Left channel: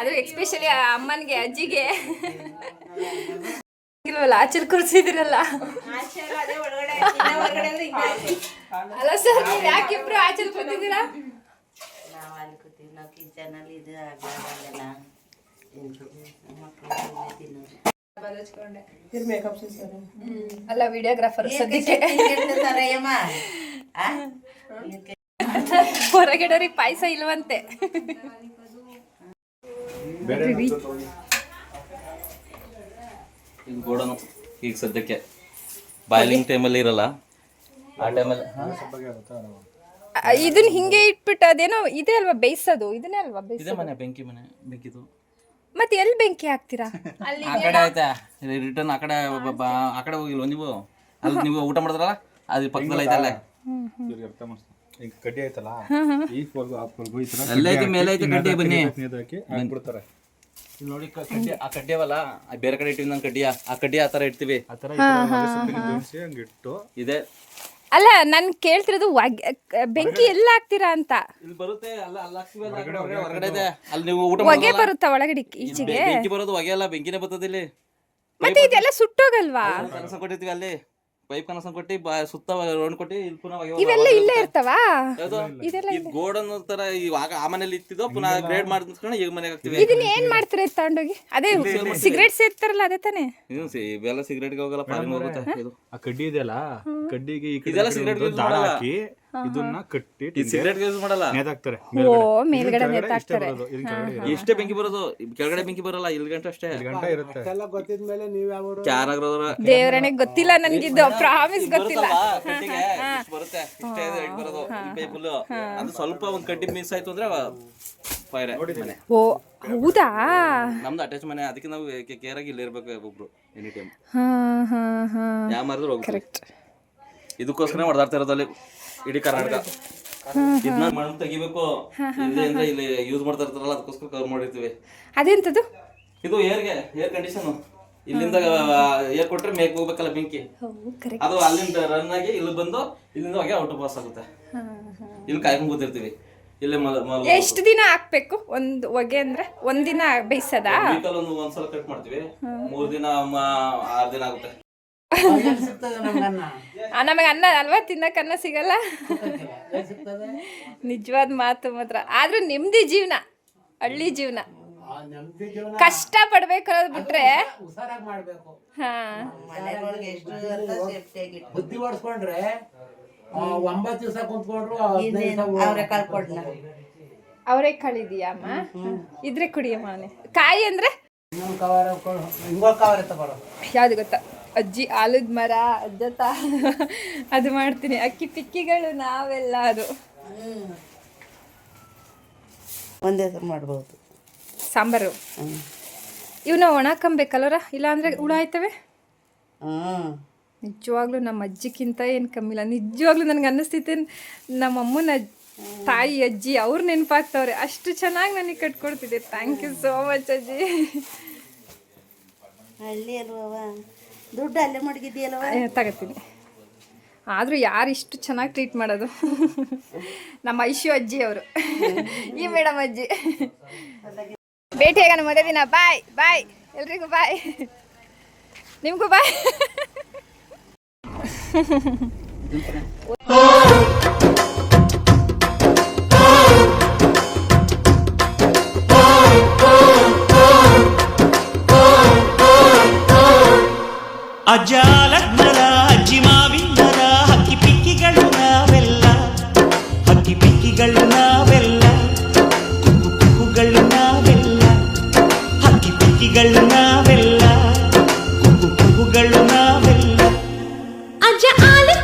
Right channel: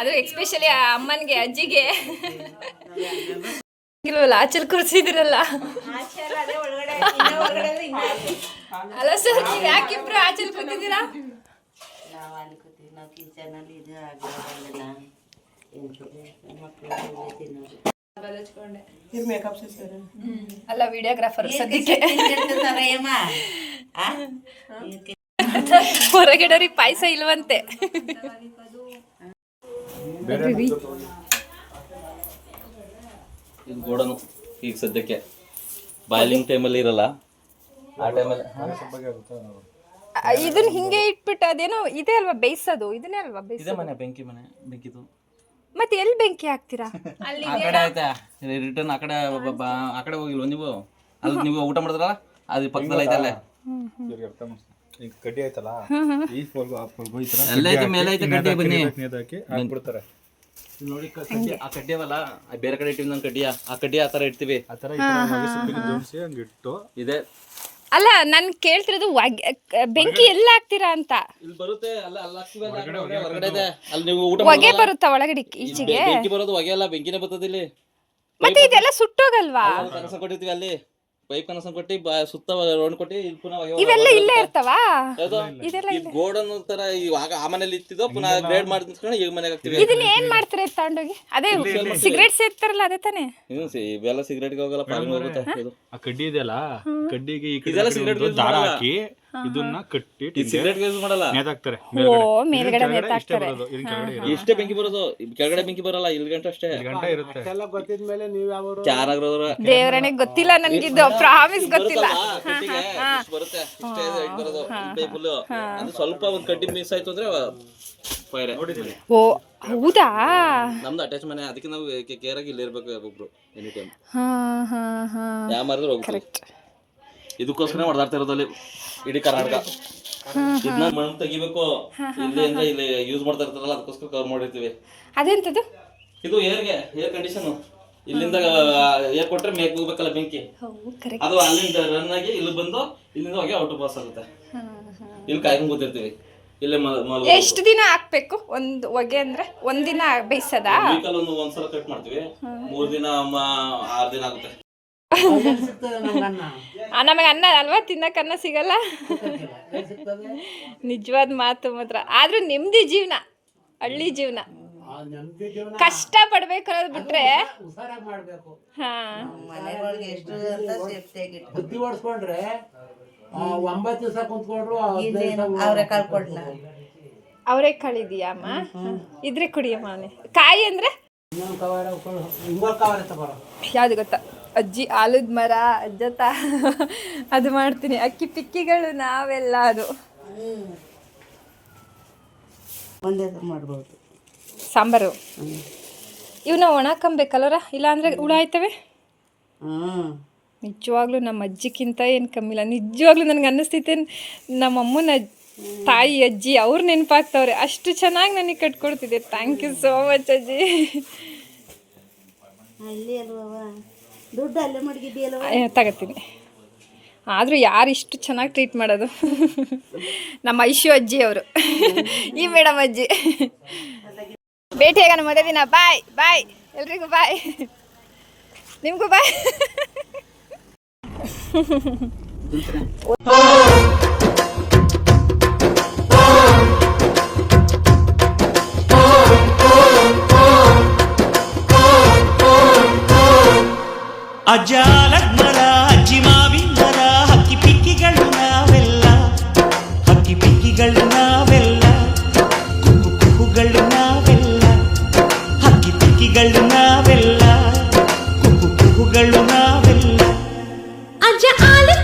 ಅದು ಎಕ್ಸ್ಪೆಷಲಿ ಅಮ್ಮನಿಗೆ ಅಜ್ಜಿಗೆ ಇಲ್ವಲ್ಲ ಆಚಲ್ ಕೂರಿಸಿದಿರಲ್ಲ. ಅಲ್ಲ ಸರ್, ನೀವು ಯಾಕಿಬ್ರು ಆಚಲ್ ಕೂತಿದ್ದೀರಾ? ನಾವು ಅಲ್ಲಿ ಕೂತೀವಿ, ನಾವು ಕಿಚನಲ್ಲಿ ಇದು ಆಗಲ್ಲ ಅಲ್ಲ ವಿಡಿಯೋಗ್ರಾಫರ್ ಸದ್ಯಕ್ಕೆ ಹೊರಗಡೆಯವ್ರಿಗೆ ಪಾಯಸ ಇಲ್ವಂತೆ. ಗೋಡನು ಈಗ ಸದ್ಯಕ್ಕೆ ಬಾಯ್ಲಿಂಗ್ ಟೈಮಲ್ಲಿ ಇರಲ್ಲ, ಆ ಟೈಮಲ್ಲಿ ಇದನ್ನ ಹಿಂಗೆ ಇಟ್ಬಿಟ್ಟು ಅದೇನೋ ಇದೆ ಅಲ್ವಾ ಬೇಯಿಸೋದು, ಇದನ್ನೇ ಅಲ್ವಾ ಇದೆ ಬೇಯಿಸೋದು? ಮನೆ ಬೆಂಕಿದು. ಮತ್ತೆ ಎಲ್ಲಿ ಬೆಂಕಿ ಹಾಕ್ತೀರಾ? ಆ ಕಡೆ ಆಯ್ತಾ ರಿಟರ್ನ್ ಆ ಕಡೆ ಹೋಗಿಲ್ವ ನೀವು? ಅಲ್ಲಿ ನೀವು ಊಟ ಮಾಡಿದ್ರಲ್ಲ ಅದ್ರ ಪಕ್ಕದಲ್ಲಿ ಐತಲ್ಲ, ಕಡ್ಡಿ ಆಯ್ತಲ್ಲ ಅಲ್ಲೇ ಐತೆ, ಮೇಲೆ ಐತೆ ಕಡ್ಡಿ. ಬನ್ನಿ ನೋಡಿ ಆ ಕಡ್ಡಿ ಅವಲ್ಲ, ಬೇರೆ ಕಡೆ ಇಟ್ಟಿವಿ ನಾನು ಕಡ್ಡಿಯ, ಆ ಕಡ್ಡಿ ಆ ಥರ ಇಡ್ತೀವಿ. ಹಂಗಿಟ್ಟು ಇದೆ. ಅಲ್ಲ ನಾನು ಕೇಳ್ತಿರೋದು ಬೆಂಕಿ ಎಲ್ಲ ಹಾಕ್ತೀರಾ ಅಂತ. ಇಲ್ಲಿ ಬರುತ್ತೆ, ಅಲ್ಲ ಅಲ್ಲಿ ಹಾಕ್ತೀವಲ್ಲ, ಹೊರಗಡೆ ಇದೆ. ಅಲ್ಲಿ ನೀವು ಊಟ ಹೊಗೆ ಬರುತ್ತಾ ಒಳಗಡೆ ಈಚೆಗೆ? ಬೆಂಕಿ ಬರೋದು ಹೊಗೆ ಅಲ್ಲ, ಬೆಂಕಿನೇ ಬರ್ತದೆ ಇಲ್ಲಿ. ಮತ್ತೆ ಇದೆಲ್ಲ ಸುಟ್ಟೋಗಲ್ವಾ? ಕನಸ ಕೊಟ್ಟಿರ್ತೀವಿ ಅಲ್ಲಿ, ಪೈಪ್ ಕನಸ ಕೊಟ್ಟು ಸುತ್ತ ರೌಂಡ್ ಕೊಟ್ಟು ಇಲ್ಲಿ ಪುನಃ ಇವೆಲ್ಲ ಇಲ್ಲೇ ಇರ್ತಾವಾ? ಈ ಗೋಡನ್ ತರ ಇವಾಗ ಆ ಮನೇಲಿ ಇತ್ತಿದ್ದೋ ಪುನಃ ಗ್ರೇಡ್ ಮಾಡ್ಕೊಂಡು ಈಗ ಮನೆಗೆ ಹಾಕ್ತಿವಿ. ಇದನ್ನ ಏನ್ ಮಾಡ್ತೀರಾ ತಗೊಂಡೋಗಿ? ಅದೇ ಸಿಗರೇಟ್ ಸೇರ್ತಾರಲ್ಲ ಅದೇ ತಾನೇ? ಇವೆಲ್ಲ ಸಿಗರೇಟ್ಗೆ ಹೋಗಲ್ಲ, ಆ ಕಡ್ಡಿ ಇದೆಯಲ್ಲ, ಕಡ್ಡಿಗೆ ಇದೆಲ್ಲ ಸಿಗರೇಟ್ ದಾರ ಹಾಕಿ ಇದನ್ನ ಕಟ್ಟಿ ಸಿಗರೇಟ್ ಯೂಸ್ ಮಾಡಲ್ಲ, ನೇತಾಕ್ತಾರೆ. ಓ ಮೇಲ್ಗಡೆ ನೇತಾಕ್ತಾರೆ. ಇಷ್ಟೇ ಬೆಂಕಿ ಬರೋದು, ಕೆಳಗಡೆ ಬೆಂಕಿ ಬರಲ್ಲ. ಇಲ್ಲಿ ಗಂಟೆ ಅಷ್ಟೇ ಇರುತ್ತೆ. ದೇವರನಿಗೆ ಗೊತ್ತಿಲ್ಲ ನನಗಿದ್ದು, ಪ್ರಾಮಿಸ್ ಗೊತ್ತಿಲ್ಲ. ಬರುತ್ತೆ ಇಷ್ಟೇ ಬರೋದು ಪೈಪ್ ಫುಲ್. ಅದು ಸ್ವಲ್ಪ ಒಂದ್ ಕಡ್ಡಿ ಮಿಸ್ ಆಯ್ತು ಅಂದ್ರೆ ಫೈರ್. ಓ ಹೌದಾ? ನಮ್ದು ಅಟ್ಯಾಚ್ ಮನೆ, ಅದಕ್ಕೆ ನಾವು ಕೇರ್ ಆಗಿ ಇಲ್ಲಿ ಇರ್ಬೇಕು ಒಬ್ರು ಎನಿ ಟೈಮ್. ಯಾವ ಮಾರಿದ್ರು ಹೋಗ್ತೀವಿ. ಇದಕ್ಕೋಸ್ಕರ ಹೊಡೆದಾಡ್ತಾ ಇರೋದಲ್ಲಿ ಇಡೀ ಕರ್ನಾಟಕ. ಇದನ್ನ ಮಣ್ಣು ತೆಗಿಬೇಕು, ಇಲ್ಲಿ ಅಂದ್ರೆ ಇಲ್ಲಿ ಯೂಸ್ ಮಾಡ್ತಾ ಇರ್ತಾರಲ್ಲ, ಅದಕ್ಕೋಸ್ಕರ ಕವರ್ ಮಾಡಿರ್ತೀವಿ. ಅದೆಂತದು? ಇದು ಏರ್ ಕಂಡೀಷನ್. ಇಲ್ಲಿಂದ ಏರ್ ಕೊಟ್ರೆ ಮೇಕ್ ಹೋಗ್ಬೇಕಲ್ಲ ಬೆಂಕಿ, ಅದು ಅಲ್ಲಿಂದ ರನ್ ಆಗಿ ಇಲ್ಲಿ ಬಂದು ಇಲ್ಲಿಂದ ಹೋಗಿ ಔಟ್ ಪಾಸ್ ಆಗುತ್ತೆ. ಇಲ್ಲಿ ಕಾಯ್ಕೊಂಡು ಕೂತಿರ್ತೀವಿ. ಇಲ್ಲಿ ಎಷ್ಟು ದಿನ ಹಾಕ್ಬೇಕು ಒಂದು ಹೊಗೆ ಅಂದ್ರೆ? ಒಂದಿನ ಬೇಯಿಸದ? ವೀಕಲ್ ಒಂದ್ಸಲ ಕಟ್ ಮಾಡ್ತೀವಿ, 3 ದಿನ 6 ದಿನ ಆಗುತ್ತೆ. ನಮಗೆ ಅನ್ನ ಅಲ್ವಾ, ತಿನ್ನಕ್ ಅನ್ನ ಸಿಗಲ್ಲ. ನಿಜವಾದ ಮಾತು ಮಾತ್ರ. ಆದ್ರೂ ನೆಮ್ಮದಿ ಜೀವನ, ಹಳ್ಳಿ ಜೀವನ. ಕಷ್ಟ ಪಡ್ಬೇಕು ಅನ್ನೋದು ಬಿಟ್ರೆ ಮನೆಗಳಿಗೆ ಎಷ್ಟು ಅಂತ ಸೇಫ್ಟಿಯಾಗಿ ಬುದ್ಧಿ ಓಡಿಸ್ಕೊಂಡ್ರೆ 9 ದಿವಸ ಕುಂತ್ಕೊಂಡ್ರು ಅವ್ರೆ ಕಳ್ಕೊಡ್ನ. ಅವರೇ ಕಳಿದೀಯ ಅಮ್ಮ? ಇದ್ರೆ ಕುಡಿಯಮ್ಮ. ಅವನೇ ಕಾಯಿ ಅಂದ್ರೆ ಯಾವ್ದು ಗೊತ್ತಾ? ಅಜ್ಜಿ ಆಲದ ಮರ ಅಜ್ಜತ ಅದು ಮಾಡ್ತೀನಿ. ಅಕ್ಕಿ ಪಿಕ್ಕಿಗಳು ನಾವೆಲ್ಲ ಅದು ಒಂದೇ ಮಾಡ್ಬೋದು. ಸಾಂಬಾರು ಇವನ್ನ ಒಣಕಂಬೇಕಲ್ಲರ, ಇಲ್ಲಾಂದ್ರೆ ಹುಳ ಆಯ್ತವೆ. ನಿಜವಾಗ್ಲೂ ನಮ್ಮ ಅಜ್ಜಿಗಿಂತ ಏನು ಕಮ್ಮಿಲ್ಲ. ನಿಜವಾಗ್ಲೂ ನನಗೆ ಅನ್ನಿಸ್ತೈತೆ ನಮ್ಮ ಅಮ್ಮನ ತಾಯಿ ಅಜ್ಜಿ ಅವ್ರು ನೆನಪಾಗ್ತವ್ರೆ. ಅಷ್ಟು ಚೆನ್ನಾಗಿ ನನಗೆ ಕಟ್ಕೊಡ್ತಿದ್ದೆ. ಥ್ಯಾಂಕ್ ಯು ಸೋ ಮಚ್ ಅಜ್ಜಿ. ಅಲ್ಲಿ ಅಲ್ವ ದುಡ್ಡು ಅಲ್ಲೇ ಮಡಗಿದ್ಯಲ್ವ? ತಗೋತೀನಿ. ಆದರೂ ಯಾರು ಇಷ್ಟು ಚೆನ್ನಾಗಿ ಟ್ರೀಟ್ ಮಾಡೋದು? ನಮ್ಮ ಐಶು ಅಜ್ಜಿ ಅವರು, ಈ ಮೇಡಮ್ ಅಜ್ಜಿ. ಭೇಟಿಯಾಗೋಣ ಮದುವೆ ದಿನ. ಬಾಯ್ ಬಾಯ್ ಎಲ್ರಿಗೂ ಬಾಯ್. ನಿಮಗೂ ಬಾಯ್. ಅಜ್ಜ ಆಲದ ಅಜ್ಜಿ ಮಾವಿನ ಮರ, ಹಕ್ಕಿ ಪಿಕ್ಕಿಗಳು ನಾವೆಲ್ಲ, ಹಕ್ಕಿ ಪಿಕ್ಕಿಗಳು ನಾವೆಲ್ಲ, ಕುಕ್ಕು ಕುಕ್ಕುಗಳು ನಾವೆಲ್ಲ, ಹಕ್ಕಿ ಪಿಕ್ಕಿಗಳು ನಾವೆಲ್ಲ, ಕುಕ್ಕು ಕುಕ್ಕುಗಳು ನಾವೆಲ್ಲ. ಅಜ್ಜ ಆಲದ